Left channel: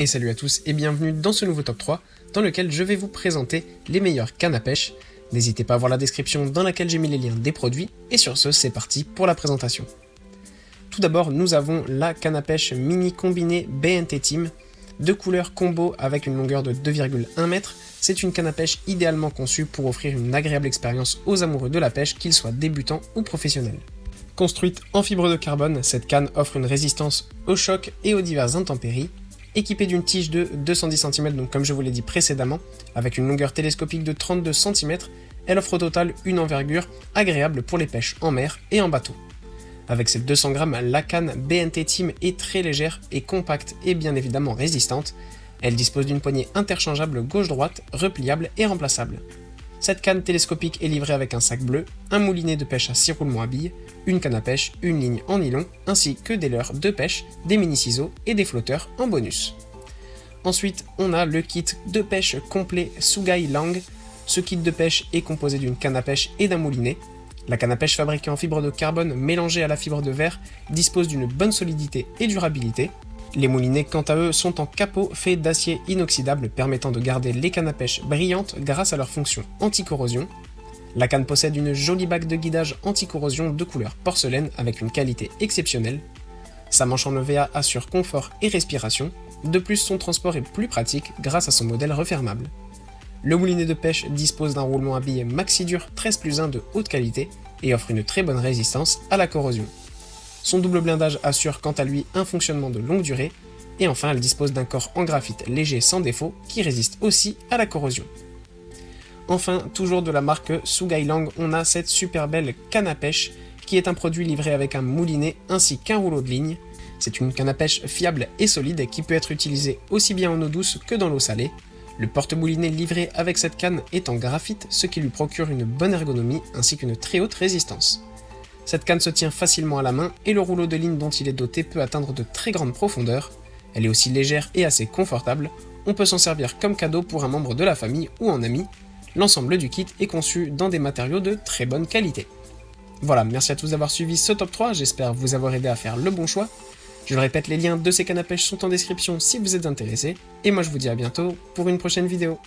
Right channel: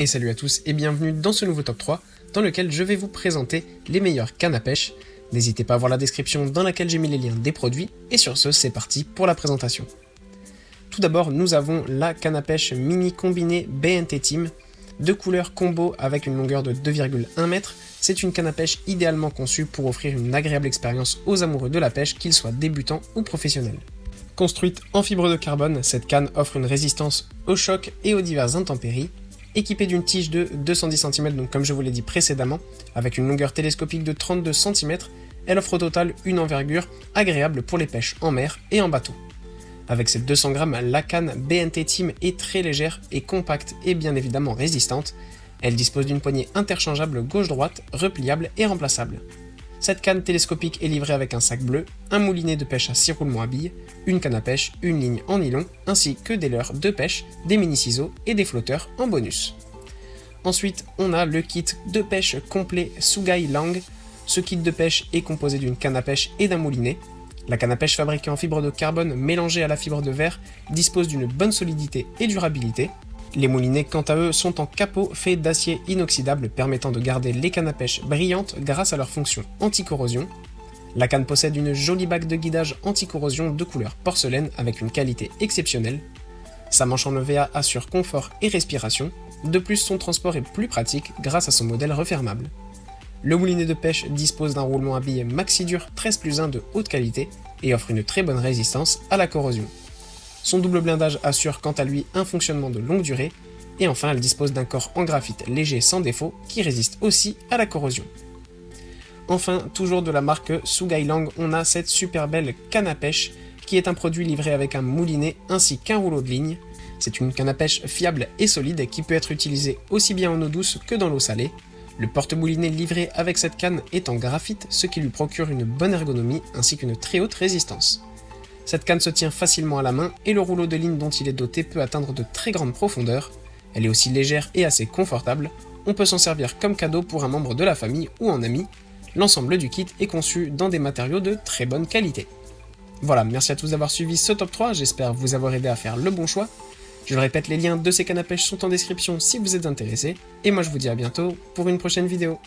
Et salut à tous et bienvenue dans ce nouveau top 3 dans lequel je vais vous présenter les meilleures cannes à pêche. N'hésitez pas à voir la description dans laquelle j'ai mis les liens des produits et sur ce c'est parti pour la présentation. Tout d'abord nous avons la canne à pêche mini combinée BNT Team, de couleur combo avec une longueur de 2,1 m. C'est une canne à pêche idéalement conçue pour offrir une agréable expérience aux amoureux de la pêche, qu'ils soient débutants ou professionnels. Construite en fibre de carbone, cette canne offre une résistance au choc et aux diverses intempéries. Équipée d'une tige de 210 cm, donc comme je vous l'ai dit précédemment, avec une longueur télescopique de 32 cm, elle offre au total une envergure agréable pour les pêches en mer et en bateau. Avec ses 200 grammes, la canne BNT Team est très légère et compacte et bien évidemment résistante. Elle dispose d'une poignée interchangeable gauche-droite, repliable et remplaçable. Cette canne télescopique est livrée avec un sac bleu, un moulinet de pêche à 6 roulements à billes, une canne à pêche, une ligne en nylon, ainsi que des leurres de pêche, des mini-ciseaux et des flotteurs en bonus. Ensuite, on a le kit de pêche complet Sugai Lang. Ce kit de pêche est composé d'une canne à pêche et d'un moulinet. La canne à pêche fabriquée en fibre de carbone mélangée à la fibre de verre dispose d'une bonne solidité et durabilité. Les moulinets, quant à eux, sont en capot fait d'acier inoxydable permettant de garder les cannes à pêche brillantes grâce à leur fonction anti-corrosion. La canne possède une jolie bague de guidage anti-corrosion de couleur porcelaine avec une qualité exceptionnelle. Sa manche en EVA assure confort et respiration. De plus, son transport est plus pratique grâce à son modèle refermable. Le moulinet de pêche dispose d'un roulement à billes Maxi-Dur 13+1 de haute qualité et offre une très bonne résistance à la corrosion. Son double blindage assure quant à lui un fonctionnement de longue durée. Et enfin, elle dispose d'un corps en graphite léger sans défaut qui résiste aussi à la corrosion. Enfin, toujours de la marque Sugai Lang, on a cette super belle canne à pêche qui est un produit livré avec un moulinet ainsi qu'un rouleau de ligne. C'est une canne à pêche fiable et solide qui peut être utilisée aussi bien en eau douce que dans l'eau salée. Le porte-moulinet livré avec cette canne est en graphite, ce qui lui procure une bonne ergonomie ainsi qu'une très haute résistance. Cette canne se tient facilement à la main et le rouleau de ligne dont il est doté peut atteindre de très grandes profondeurs. Elle est aussi légère et assez confortable. On peut s'en servir comme cadeau pour un membre de la famille ou en ami. L'ensemble du kit est conçu dans des matériaux de très bonne qualité. Voilà, merci à tous d'avoir suivi ce top 3, j'espère vous avoir aidé à faire le bon choix. Je le répète, les liens de ces cannes à pêche sont en description si vous êtes intéressé. Et moi je vous dis à bientôt pour une prochaine vidéo.